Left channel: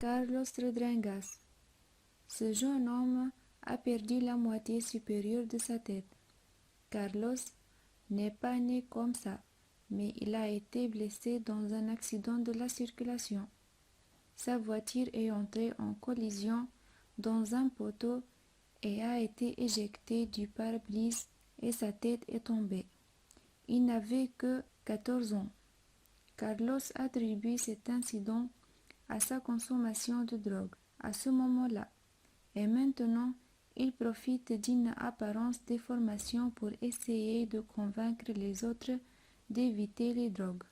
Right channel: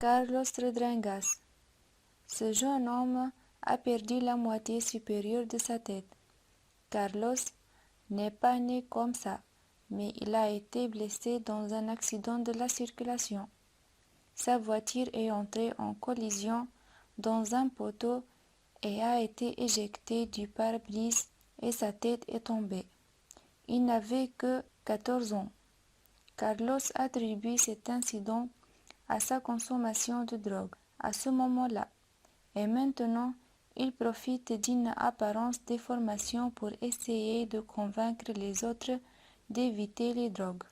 Carlos Rodriguez. Ce jeune homme a perdu la moitié supérieure de sa tête. Carlos n'est pas né comme ça, mais il a été blessé dans un accident de la circulation. Sa voiture est entrée en collision dans un poteau et a été éjectée du pare-brise et sa tête est tombée. Il n'avait que 14 ans. Carlos attribue cet incident à sa consommation de drogue à ce moment-là. Et maintenant, il profite d'une apparence déformation pour essayer de convaincre les autres d'éviter les drogues.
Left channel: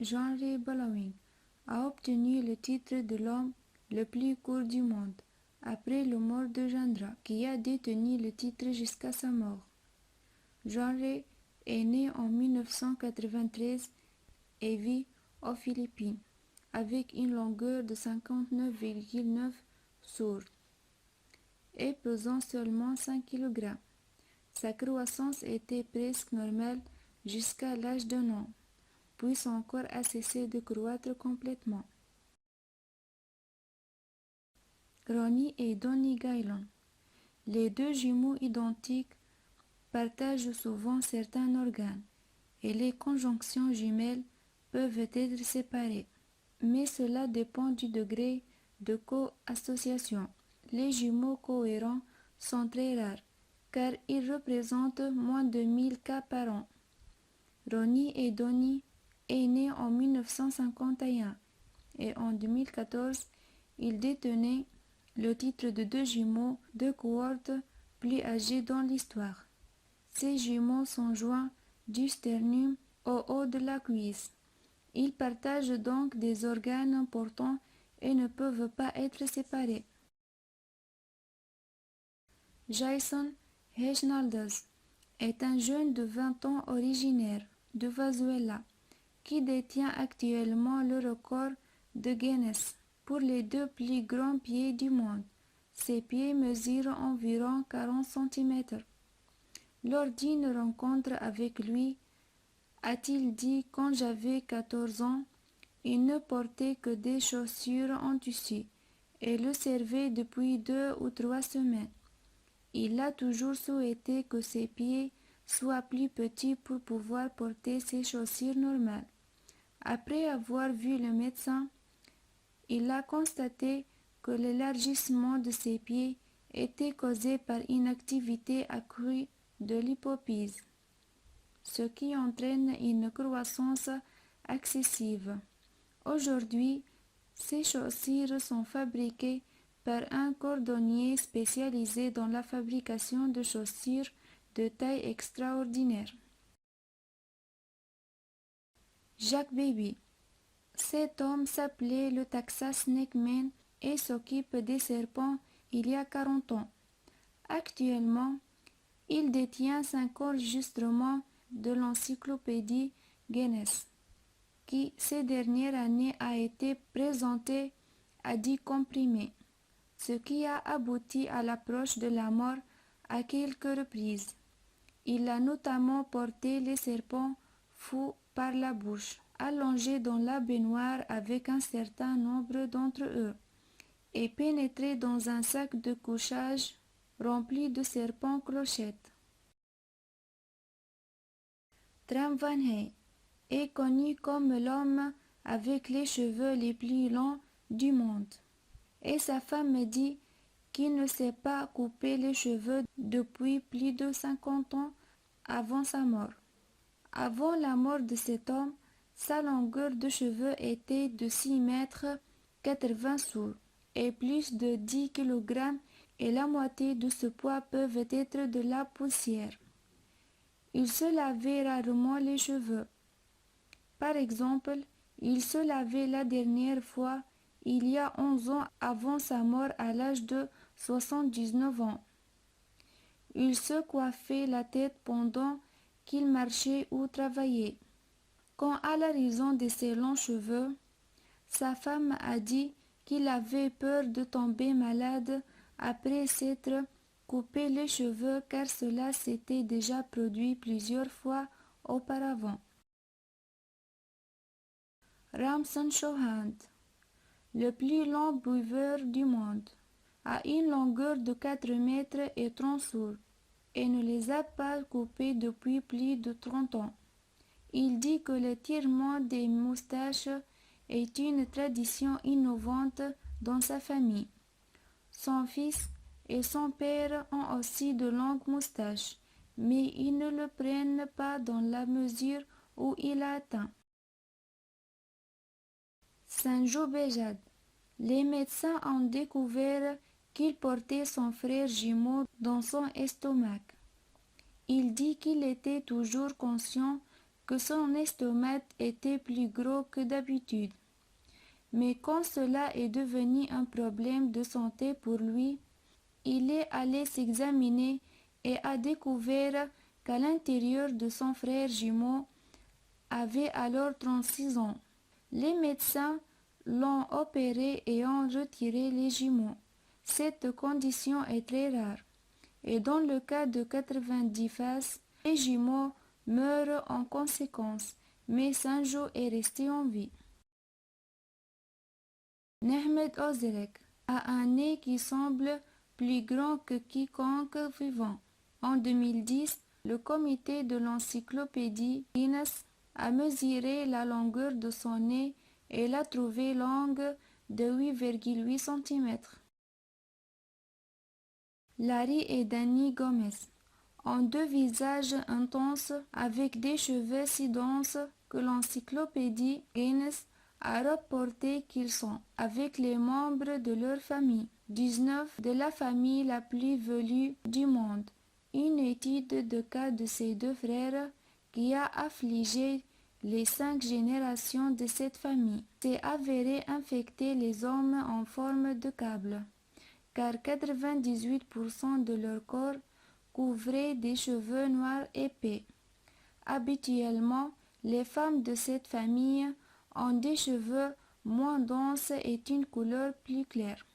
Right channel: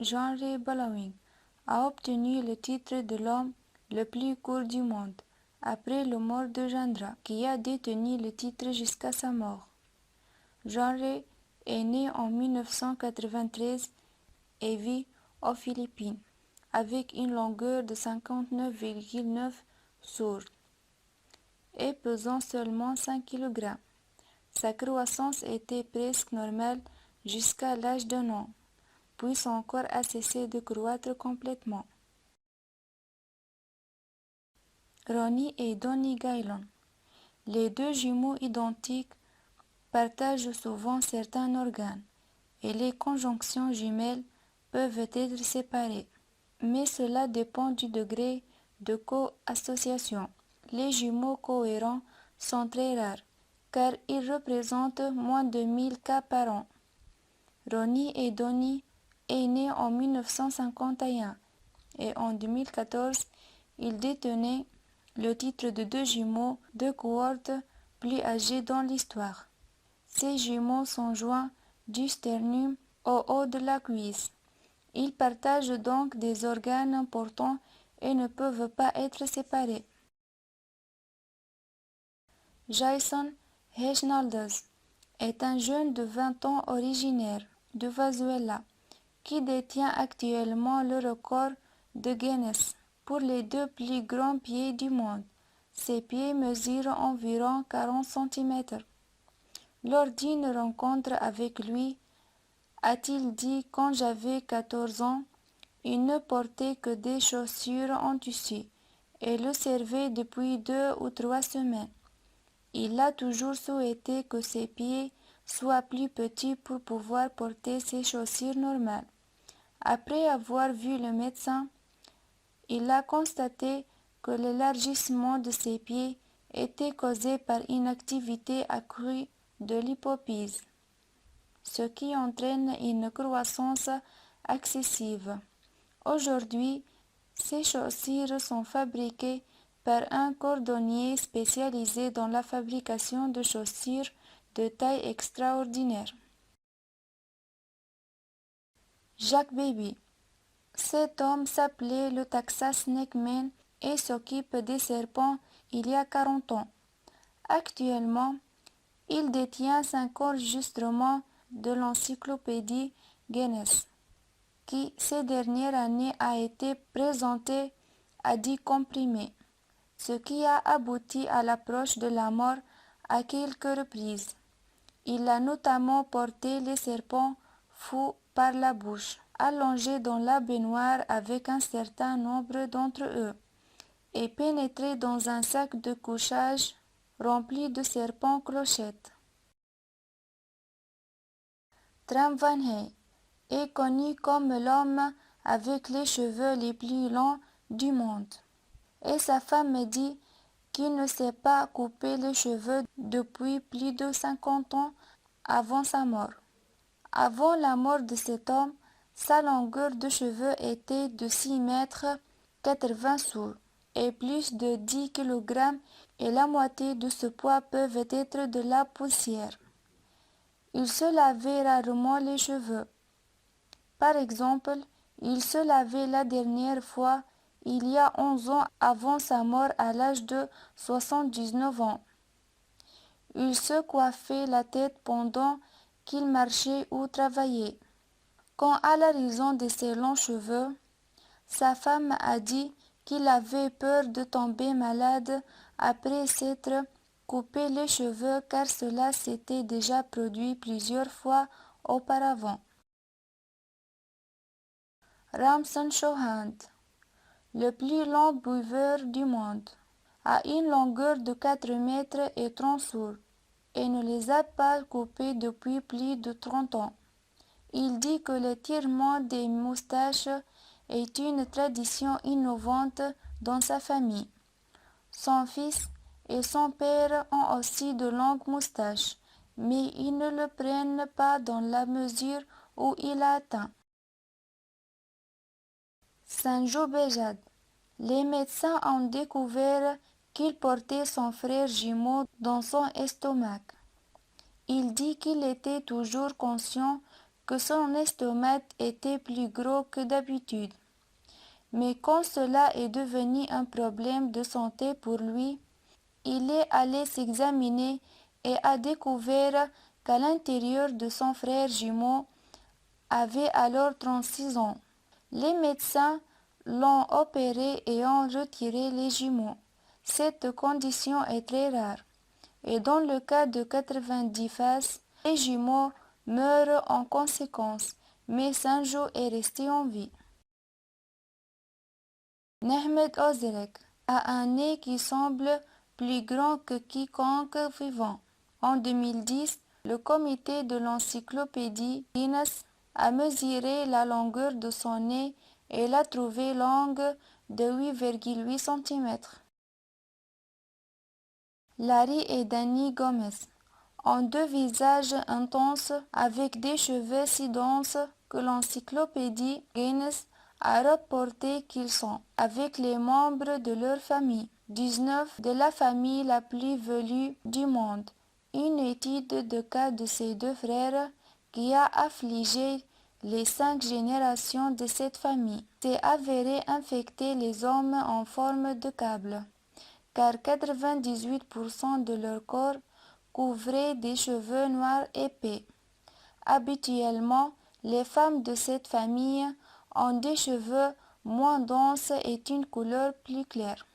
Henry Ballawin a obtenu le titre de l'homme le plus court du monde, après la mort de Jandra, qui a détenu le titre jusqu'à sa mort. Henry est né en 1993 et vit aux Philippines, avec une longueur de 59,9 sur et pesant seulement 5 kg. Sa croissance était presque normale jusqu'à l'âge d'un an, puis son corps a cessé de croître complètement. Ronnie et Donnie Gaylon. Les deux jumeaux identiques partagent souvent certains organes et les conjonctions jumelles peuvent être séparées. Mais cela dépend du degré de co-association. Les jumeaux cohérents sont très rares car ils représentent moins de 1000 cas par an. Ronnie et Donnie est né en 1951 et en 2014, ils détenaient le titre de deux jumeaux de cohorte plus âgés dans l'histoire. Ces jumeaux sont joints du sternum au haut de la cuisse. Ils partagent donc des organes importants et ne peuvent pas être séparés. Jason Hernandez est un jeune de 20 ans originaire de Venezuela qui détient actuellement le record de Guinness pour les deux plus grands pieds du monde. Ses pieds mesurent environ 40 cm. Lors d'une rencontre avec lui, a-t-il dit, quand j'avais 14 ans, il ne portait que des chaussures en tissu et le servait depuis 2 ou 3 semaines. Il a toujours souhaité que ses pieds soient plus petits pour pouvoir porter ses chaussures normales. Après avoir vu le médecin, il a constaté que l'élargissement de ses pieds était causé par une activité accrue de l'hypophyse, ce qui entraîne une croissance excessive. Aujourd'hui, ces chaussures sont fabriquées par un cordonnier spécialisé dans la fabrication de chaussures de taille extraordinaire. Jack Baby. Cet homme s'appelait le Texas Snake Man et s'occupe des serpents il y a 40 ans. Actuellement, il détient 5 enregistrements de l'encyclopédie Guinness, qui ces dernières années a été présenté à 10 comprimés, ce qui a abouti à l'approche de la mort à quelques reprises. Il a notamment porté les serpents fous par la bouche, allongés dans la baignoire avec un certain nombre d'entre eux, et pénétré dans un sac de couchage rempli de serpents clochettes. Tram Van Hey est connu comme l'homme avec les cheveux les plus longs du monde, et sa femme me dit qu'il ne s'est pas coupé les cheveux depuis plus de 50 ans avant sa mort. Avant la mort de cet homme, sa longueur de cheveux était de 6 mètres 80 sous et plus de 10 kg et la moitié de ce poids peuvent être de la poussière. Il se lavait rarement les cheveux. Par exemple, il se lavait la dernière fois il y a 11 ans avant sa mort à l'âge de 79 ans. Il se coiffait la tête pendant qu'il marchait ou travaillait. Quant à la raison de ses longs cheveux, sa femme a dit qu'il avait peur de tomber malade après s'être coupé les cheveux car cela s'était déjà produit plusieurs fois auparavant. Ramson Chauhan, le plus long buveur du monde, a une longueur de 4 mètres et 30 sourds et ne les a pas coupés depuis plus de 30 ans. Il dit que le tirement des moustaches est une tradition innovante dans sa famille. Son fils et son père ont aussi de longues moustaches, mais ils ne le prennent pas dans la mesure où il a atteint. Sanjo Bejad. Les médecins ont découvert qu'il portait son frère jumeau dans son estomac. Il dit qu'il était toujours conscient que son estomac était plus gros que d'habitude. Mais quand cela est devenu un problème de santé pour lui, il est allé s'examiner et a découvert qu'à l'intérieur de son frère jumeau avait alors 36 ans. Les médecins l'ont opéré et ont retiré les jumeaux. Cette condition est très rare. Et dans le cas de 90 faces, les jumeaux meurent en conséquence, mais Sanjo est resté en vie. Mehmet Ozerek a un nez qui semble plus grand que quiconque vivant. En 2010, le comité de l'encyclopédie Guinness a mesuré la longueur de son nez et l'a trouvée longue de 8,8 cm. Larry et Danny Gomez ont deux visages intenses avec des cheveux si denses que l'encyclopédie Guinness a rapporté qu'ils sont, avec les membres de leur famille, 19 de la famille la plus velue du monde. Une étude de cas de ces deux frères qui a affligé les 5 générations de cette famille s'est avérée infecter les hommes en forme de câble, car 98% de leur corps couvrait des cheveux noirs épais. Habituellement, les femmes de cette famille ont des cheveux moins denses et une couleur plus claire.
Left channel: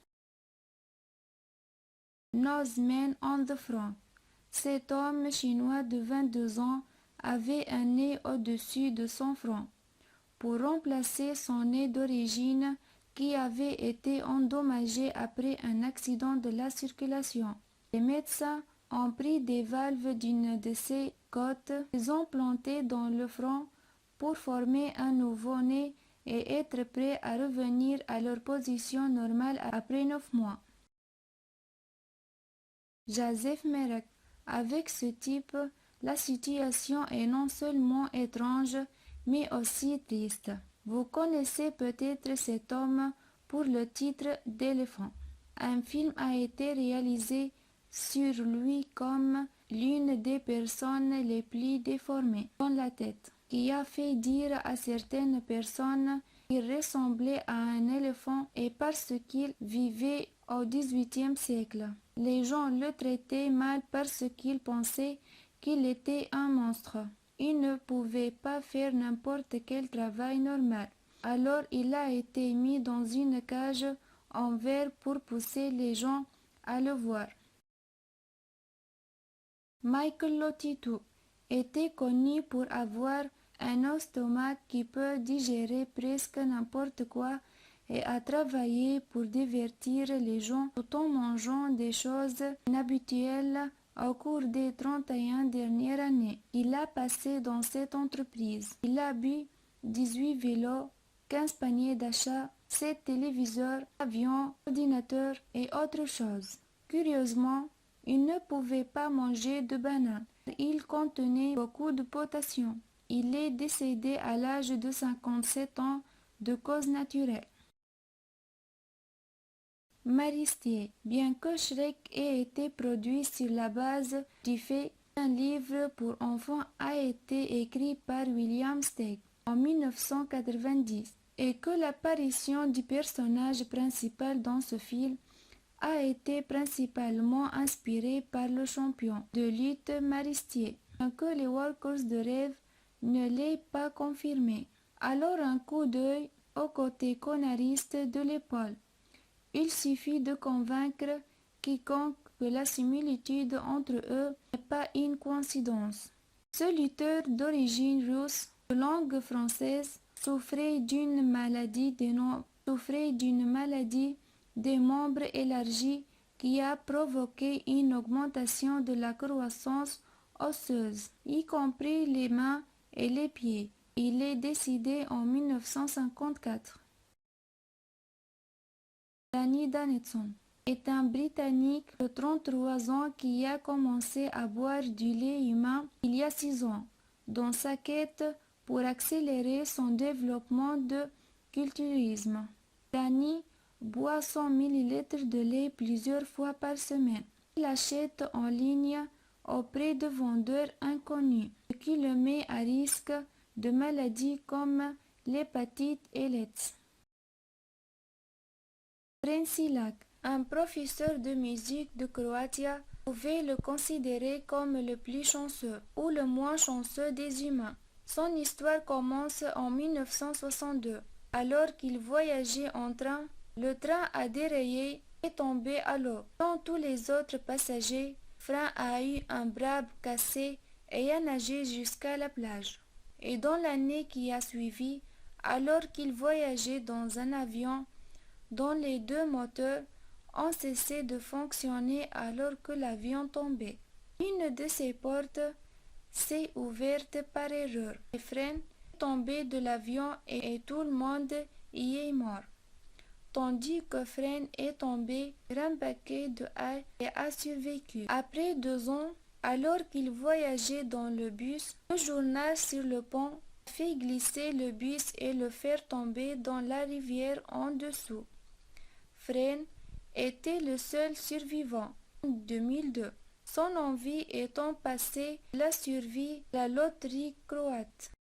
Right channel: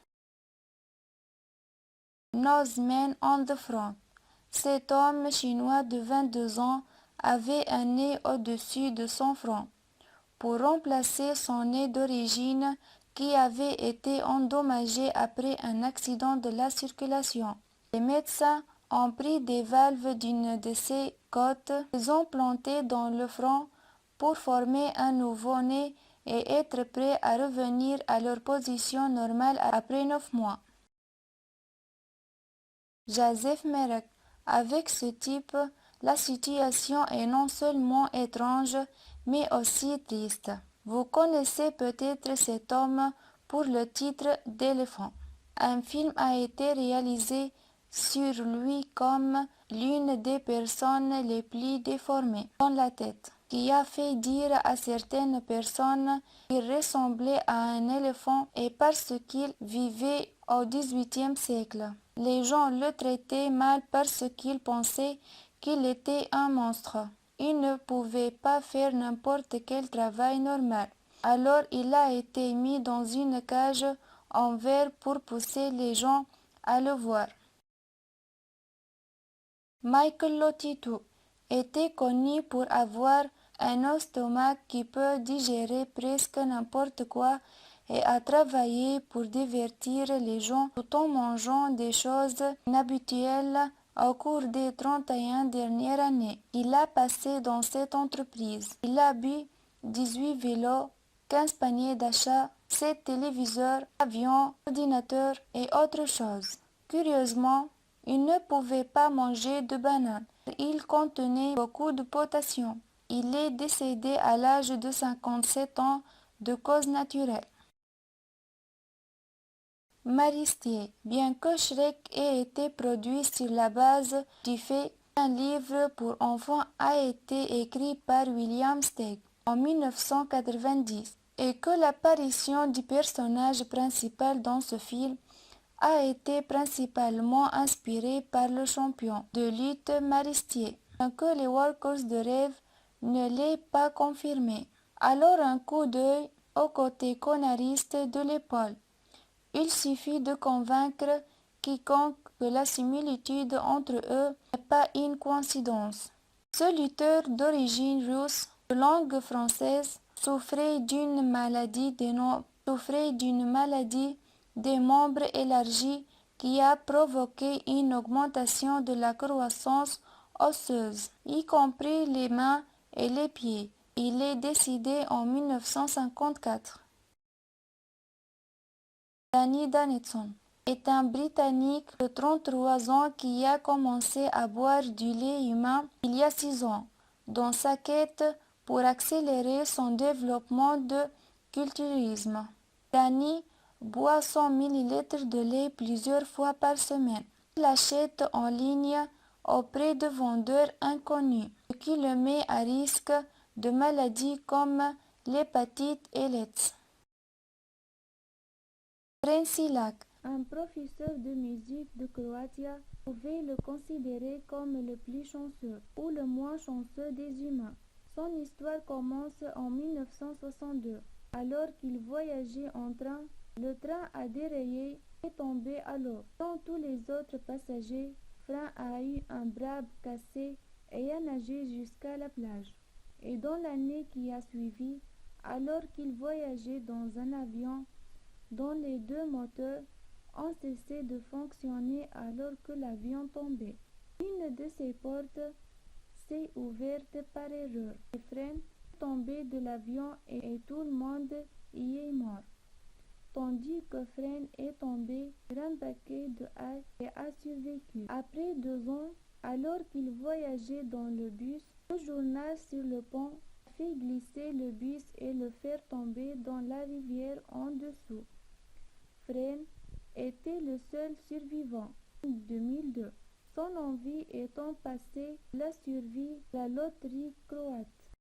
Noseman on the front. Cet homme chinois de 22 ans avait un nez au-dessus de son front pour remplacer son nez d'origine qui avait été endommagé après un accident de la circulation. Les médecins ont pris des valves d'une de ces côtes, les ont plantées dans le front pour former un nouveau nez et être prêts à revenir à leur position normale après 9 mois. Joseph Merek. Avec ce type, la situation est non seulement étrange, mais aussi triste. Vous connaissez peut-être cet homme pour le titre d'Éléphant. Un film a été réalisé sur lui comme l'une des personnes les plus déformées dans la tête, qui a fait dire à certaines personnes qu'il ressemblait à un éléphant et parce qu'il vivait au XVIIIe siècle. Les gens le traitaient mal parce qu'ils pensaient qu'il était un monstre. Il ne pouvait pas faire n'importe quel travail normal. Alors il a été mis dans une cage en verre pour pousser les gens à le voir. Michael Lotito était connu pour avoir un estomac qui peut digérer presque n'importe quoi et a travaillé pour divertir les gens tout en mangeant des choses inhabituelles au cours des 31 dernières années. Il a passé dans cette entreprise. Il a bu 18 vélos, 15 paniers d'achat, 7 téléviseurs, avions, ordinateurs et autres choses. Curieusement, il ne pouvait pas manger de bananes. Il contenait beaucoup de potassium. Il est décédé à l'âge de 57 ans de cause naturelle. Maristier. Bien que Shrek ait été produit sur la base du fait qu'un livre pour enfants a été écrit par William Steig en 1990 et que l'apparition du personnage principal dans ce film a été principalement inspirée par le champion de lutte Maristier, bien que les Walkers de rêve ne l'aient pas confirmé. Alors un coup d'œil au côté conariste de l'épaule. Il suffit de convaincre quiconque que la similitude entre eux n'est pas une coïncidence. Ce lutteur d'origine russe, de langue française, souffrait d'une maladie des membres élargis qui a provoqué une augmentation de la croissance osseuse, y compris les mains et les pieds. Il est décédé en 1954. Danny Danielson est un Britannique de 33 ans qui a commencé à boire du lait humain il y a 6 ans, dans sa quête pour accélérer son développement de culturisme. Danny boit 100 ml de lait plusieurs fois par semaine. Il achète en ligne auprès de vendeurs inconnus, ce qui le met à risque de maladies comme l'hépatite et l'AIDS. Fren Silak, un professeur de musique de Croatie, pouvait le considérer comme le plus chanceux ou le moins chanceux des humains. Son histoire commence en 1962. Alors qu'il voyageait en train, le train a dérayé et tombé à l'eau. Comme tous les autres passagers, Fren a eu un bras cassé et a nagé jusqu'à la plage. Et dans l'année qui a suivi, alors qu'il voyageait dans un avion dont les 2 moteurs ont cessé de fonctionner alors que l'avion tombait, une de ses portes s'est ouverte par erreur. Et Fren est tombé de l'avion et tout le monde y est mort. Tandis que Fren est tombé, un paquet de haie et a survécu. Après 2 ans, alors qu'il voyageait dans le bus, le journal sur le pont a fait glisser le bus et le faire tomber dans la rivière en dessous. Fren était le seul survivant. En 2002, son envie étant passée la survie à la loterie croate.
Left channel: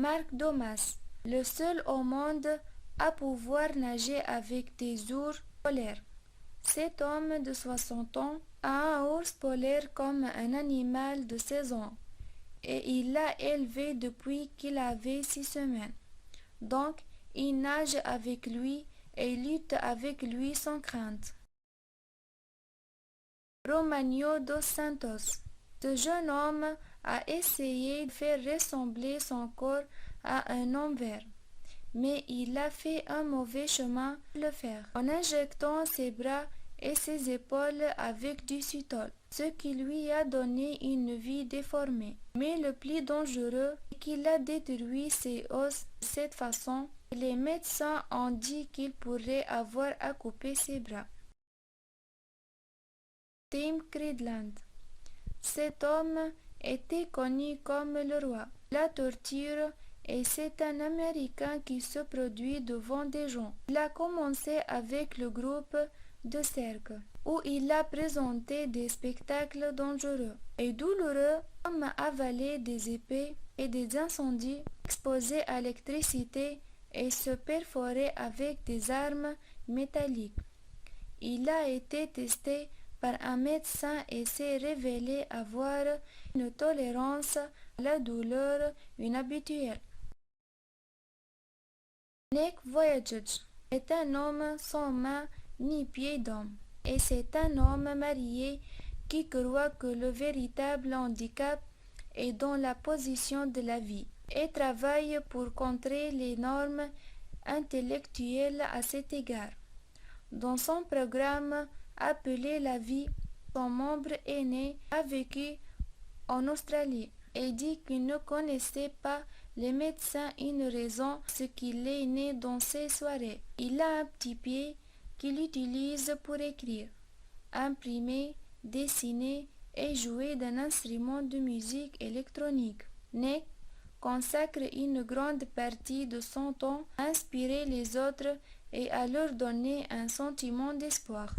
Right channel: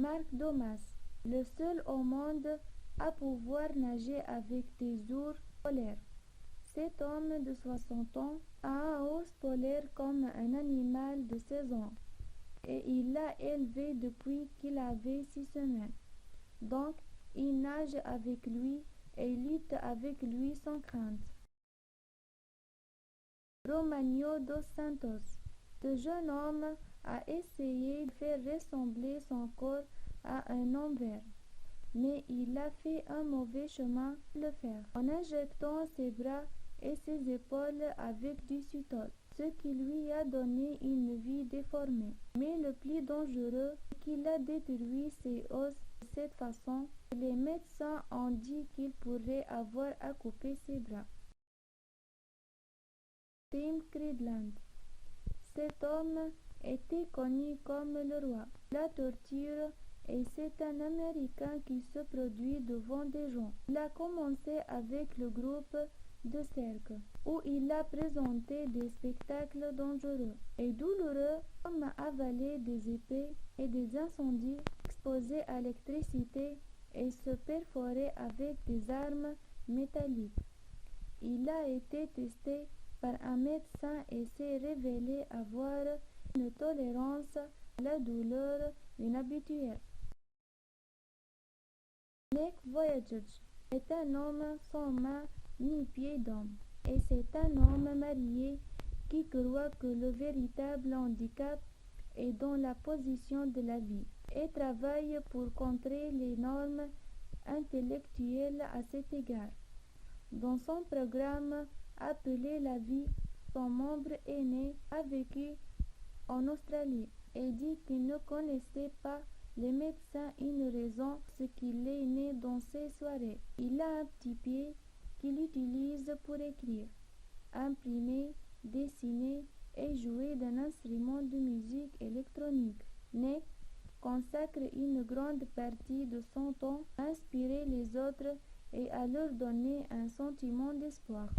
Mark Domas, le seul au monde à pouvoir nager avec des ours polaires. Cet homme de 60 ans a un ours polaire comme un animal de 16 ans et il l'a élevé depuis qu'il avait 6 semaines. Donc, il nage avec lui et lutte avec lui sans crainte. Romagno dos Santos. Ce jeune homme a essayé de faire ressembler son corps à un homme vert, mais il a fait un mauvais chemin pour le faire, en injectant ses bras et ses épaules avec du citol, ce qui lui a donné une vie déformée. Mais le plus dangereux est qu'il a détruit ses os de cette façon que les médecins ont dit qu'il pourrait avoir à couper ses bras. Tim Cridland. Cet homme était connu comme le roi de la torture et c'est un Américain qui se produit devant des gens. Il a commencé avec le groupe de cirque, où il a présenté des spectacles dangereux et douloureux comme avaler des épées et des incendies, exposer à l'électricité et se perforer avec des armes métalliques. Il a été testé par un médecin et s'est révélé avoir une tolérance à la douleur inhabituelle. Nick Vujicic est un homme sans main ni pied d'homme, et c'est un homme marié qui croit que le véritable handicap est dans la position de la vie et travaille pour contrer les normes intellectuelles à cet égard. Dans son programme appelé La vie, son membre aîné a vécu en Australie et dit qu'il ne connaissait pas les médecins une raison ce qu'il est né dans ces soirées. Il a un petit pied qu'il utilise pour écrire, imprimer, dessiner et jouer d'un instrument de musique électronique. Nick consacre une grande partie de son temps à inspirer les autres et à leur donner un sentiment d'espoir.